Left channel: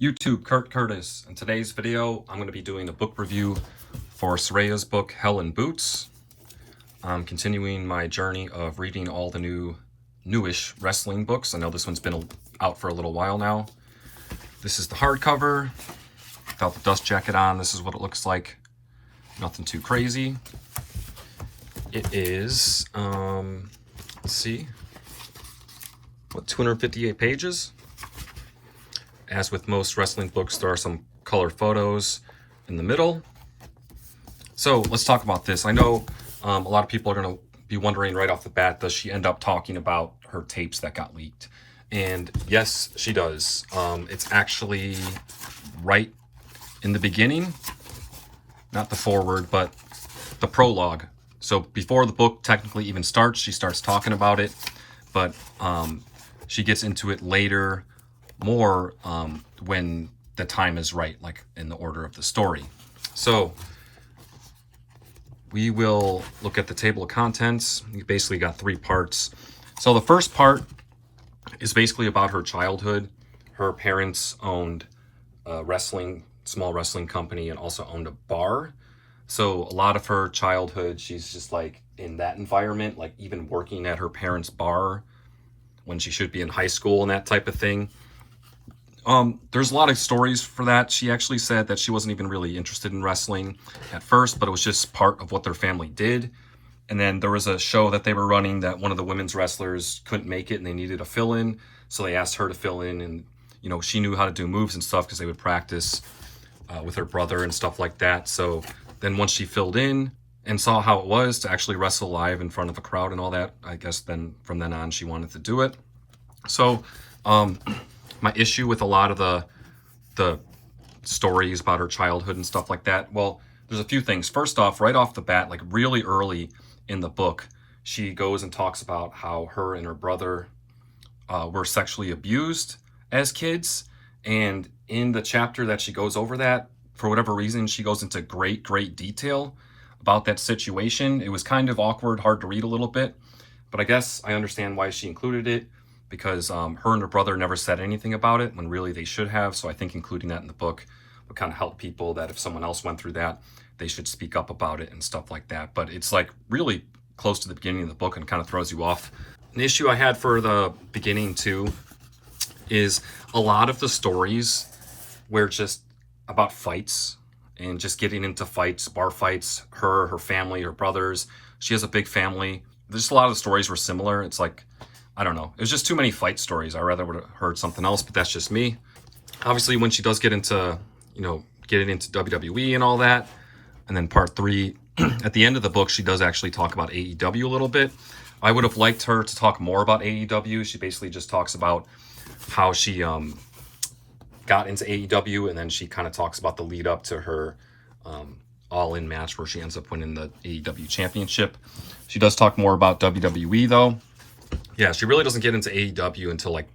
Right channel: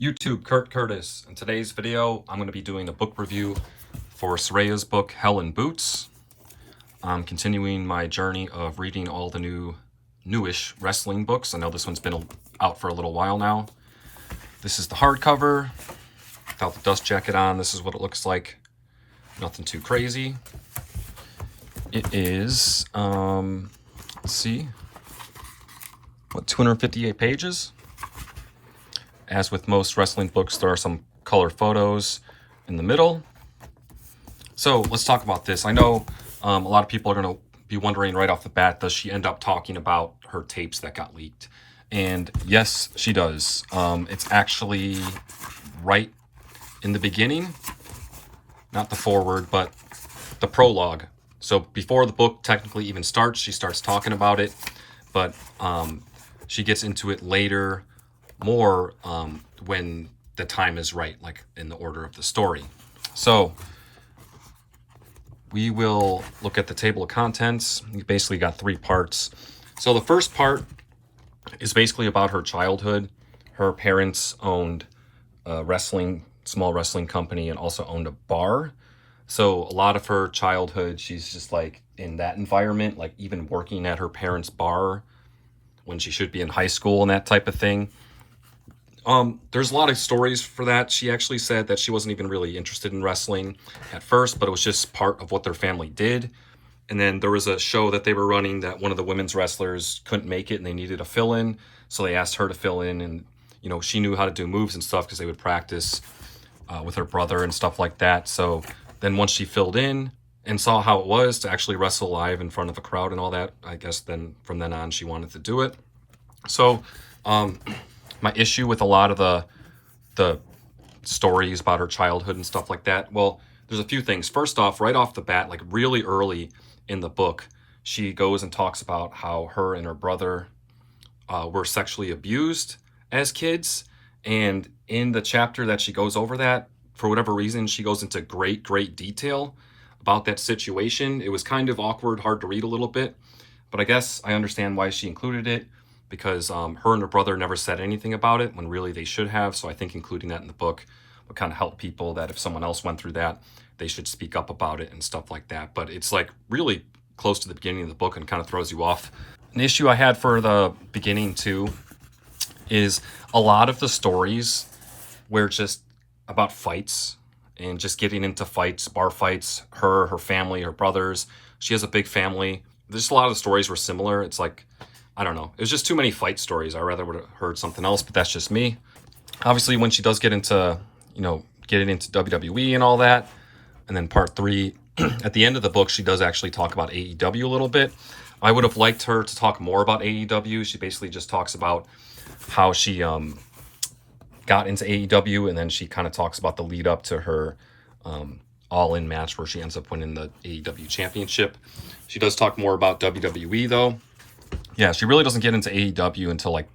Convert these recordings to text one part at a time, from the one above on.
YouTube, Kurt Curtis. In today's video, I'm going to be doing a book review for Saraya's book, Hell in Boots. I'm continuing my journey of reading all the newish wrestling books. I know this one's been out for a little while now. This is the hardcover. Without the dust jacket on, this is what it looks like. Nothing too crazy. It is, let's see, 258 pages. As with most wrestling books, there are some color photos in the middle. So let's talk about this. I know a lot of people are going to be wondering right off the bat, does she end up talking about her tapes that got leaked? And yes, she does. It's actually right in the beginning, not the foreword, but the prologue. So before the book technically even starts, she starts talking about it, but she gets into it later, more when the time is right, like in the order of the story. So we will look at the table of contents. We basically got three parts. So the first part is basically about her childhood. Her parents owned a small wrestling company and also owned a bar. So a lot of her childhood, she's just like in that environment, like even working at her parents' bar when she should be in high school and that type of thing. There's a lot of stories for that. She actually said that she wasn't even really interested in wrestling at first, but it was just part of what their family did. And then there was a show that they were running that one of the women's wrestlers couldn't make it and they needed a fill-in. So they asked her to fill in, and, you know, she knew how to do moves and stuff because they would practice with her brother and stuff like that. So then once she filled in and saw how it was to actually wrestle live in front of a crowd and all that, I guess then from then on she wanted to do it. So, my issue with a lot of the stories about her childhood and stuff like that, well, there's a few things. First off, right off the bat, like really early in the book, she goes and talks about how her and her brother were sexually abused as kids. And in the chapter that she goes over that, for whatever reason, she goes into great detail about that situation. It was kind of awkward, hard to read a little bit, but I guess I understand why she included it, because her and her brother never said anything about it when really they should have. So I think including that in the book would kind of help people, that if someone else went through that, they should speak up about it and stuff like that. But it's like really close to the beginning of the book and kind of throws you off. An issue I had for the beginning too is a lot of the stories were just about fights and just getting into fights, bar fights, her family, her brothers. She has a big family. Just a lot of the stories were similar. It's like, I don't know. It was just too many fight stories. I rather would have heard something else, but that's just me. Obviously, when she does get into, getting into WWE and all that, and then part 3, at the end of the book, she does actually talk about AEW a little bit. I would have liked her to talk more about AEW. She basically just talks about how she got into AEW, and then she kind of talks about the lead up to her all-in match where she ends up winning the AEW championship. She does talk more about WWE, though. Yeah, she really doesn't get into AEW until like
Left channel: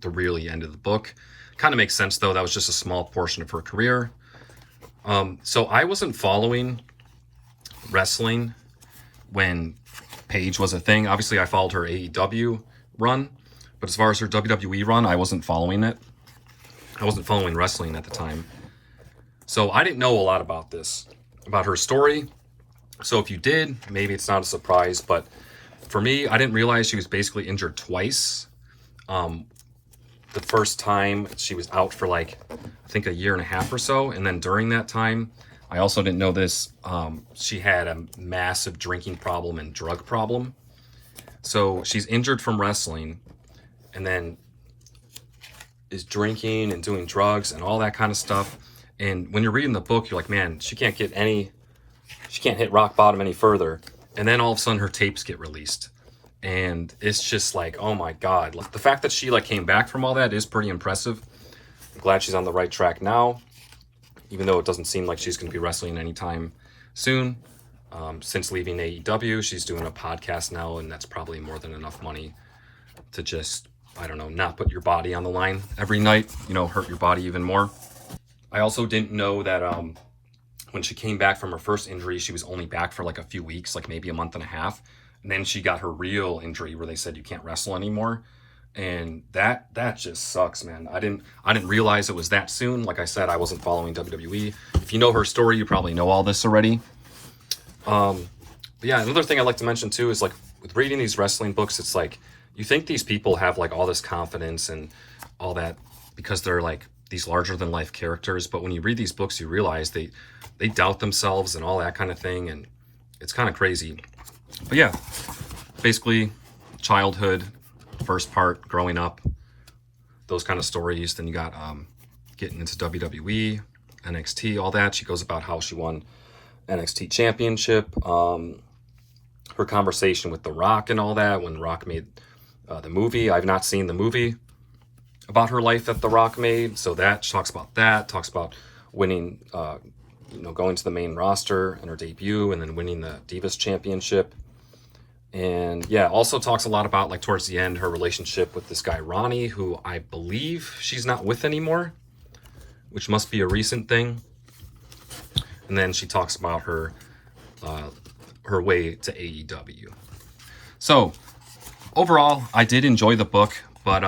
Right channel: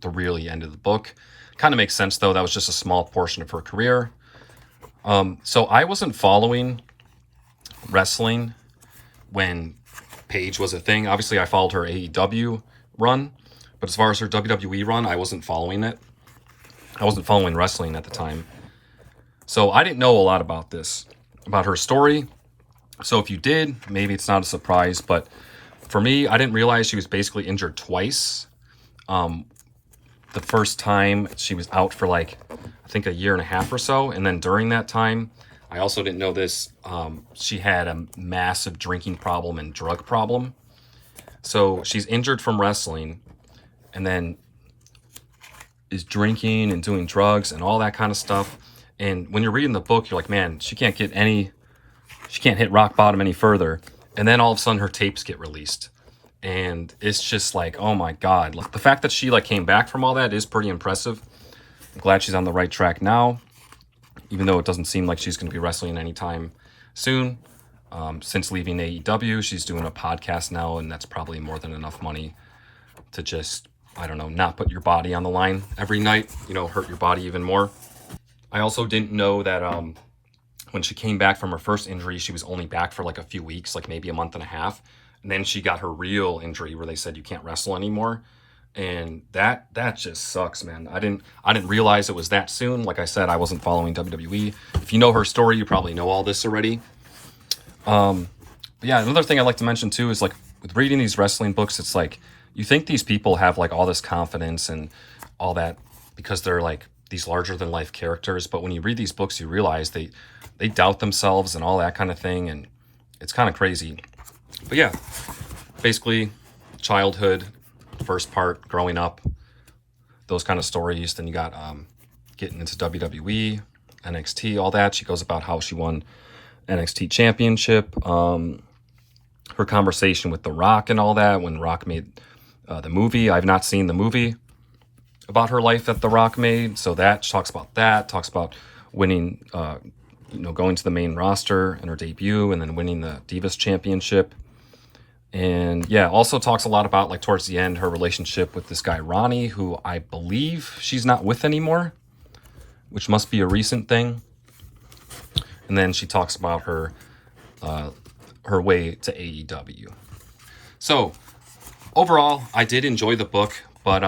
the really end of the book. Kind of makes sense, though. That was just a small portion of her career. So I wasn't following wrestling when Paige was a thing. Obviously, I followed her AEW run, but as far as her WWE run, I wasn't following it. I wasn't following wrestling at the time. So I didn't know a lot about this, about her story. So if you did, maybe it's not a surprise, but for me, I didn't realize she was basically injured twice. The first time she was out for like, I think a year and a half or so. And then during that time, I also didn't know this, she had a massive drinking problem and drug problem. So she's injured from wrestling and then is drinking and doing drugs and all that kind of stuff. And when you're reading the book, you're like, man, she can't hit rock bottom any further. And then all of a sudden her tapes get released. And it's just like, oh my God. Like, the fact that she like came back from all that is pretty impressive. I'm glad she's on the right track now, even though it doesn't seem like she's going to be wrestling anytime soon. Since leaving AEW, she's doing a podcast now, and that's probably more than enough money to just, I don't know, not put your body on the line every night, hurt your body even more. I also didn't know that when she came back from her first injury, she was only back for like a few weeks, like maybe a month and a half. And then she got her real injury where they said you can't wrestle anymore. And that just sucks, man. I didn't realize it was that soon. Like I said, I wasn't following WWE. If you know her story, you probably know all this already. But yeah, another thing I'd like to mention too is like with reading these wrestling books, it's like you think these people have like all this confidence and all that because they're like these larger than life characters, but when you read these books, you realize they doubt themselves and all that kind of thing, and it's kind of crazy. But yeah, basically childhood, first part, growing up, those kind of stories. Then you got getting into WWE, NXT, all that. She goes about how she won NXT championship, her conversation with The Rock and all that when Rock made the movie. I've not seen the movie about her life that The Rock made, so that talks about winning, going to the main roster in her debut and then winning the Divas championship. And yeah, also talks a lot about like towards the end her relationship with this guy Ronnie, who I believe she's not with anymore, which must be a recent thing. And then she talks about her way to AEW. So overall, I did enjoy the book, but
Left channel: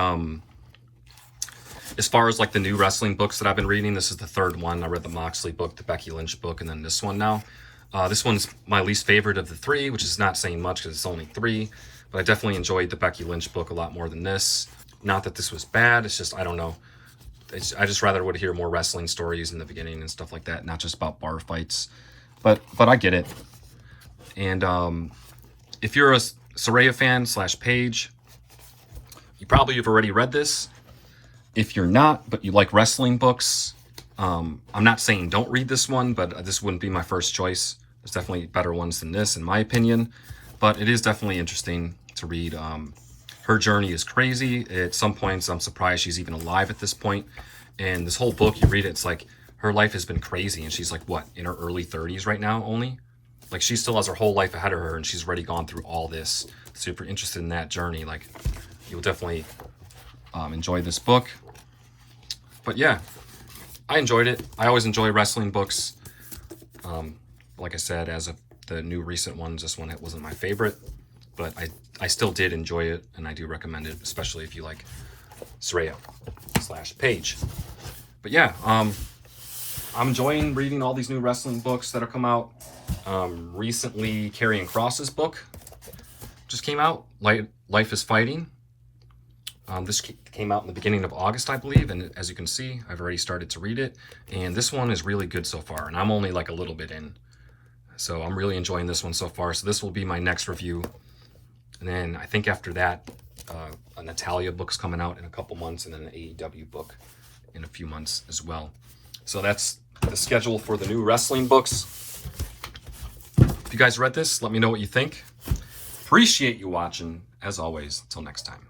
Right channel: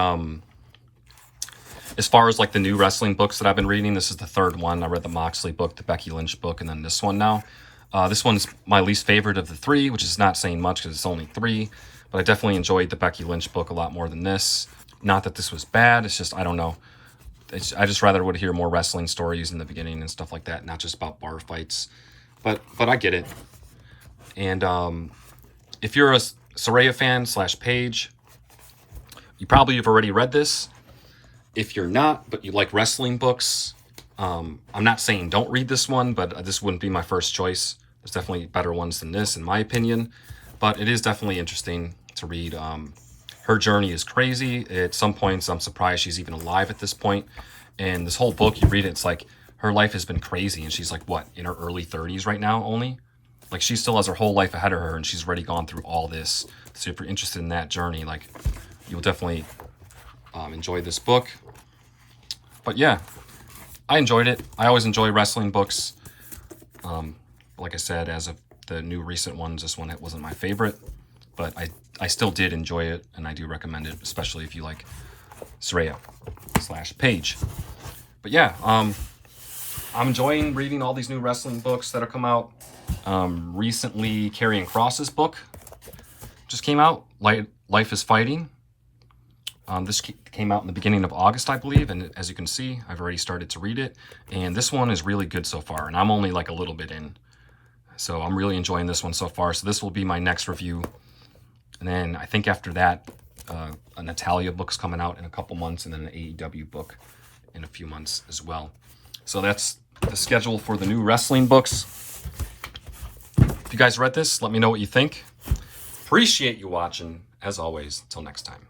as far as like the new wrestling books that I've been reading, this is the third one. I read the Moxley book, the Becky Lynch book, and then this one now. This one's my least favorite of the three, which is not saying much because it's only three, but I definitely enjoyed the Becky Lynch book a lot more than this. Not that this was bad, it's just, I don't know. I just rather would hear more wrestling stories in the beginning and stuff like that, not just about bar fights. But I get it. And if you're a Saraya fan / page, you probably have already read this. If you're not, but you like wrestling books, I'm not saying don't read this one, but this wouldn't be my first choice. There's definitely better ones than this, in my opinion. But it is definitely interesting to read. Her journey is crazy. At some points, I'm surprised she's even alive at this point. And this whole book, you read it, it's like her life has been crazy. And she's like, what, in her early 30s right now only? Like, she still has her whole life ahead of her, and she's already gone through all this. So if you're interested in that journey, like, you'll definitely enjoy this book. But yeah, I enjoyed it. I always enjoy wrestling books. Like I said, as of the new recent ones, this one wasn't my favorite, but I still did enjoy it, and I do recommend it, especially if you like Saraya / page. But yeah, I'm enjoying reading all these new wrestling books that have come out. Recently, Karrion Kross's book just came out, Life is Fighting. This came out in the beginning of August, I believe, and as you can see, I've already started to read it, and this one is really good so far, and I'm only like a little bit in, so I'm really enjoying this one so far. So this will be my next review, and then I think after that, a Natalia book's coming out in a couple months, and then an AEW book in a few months as well. So that's the schedule for the new wrestling books. If you guys read this, let me know what you think. Appreciate you watching, as always. Until next time.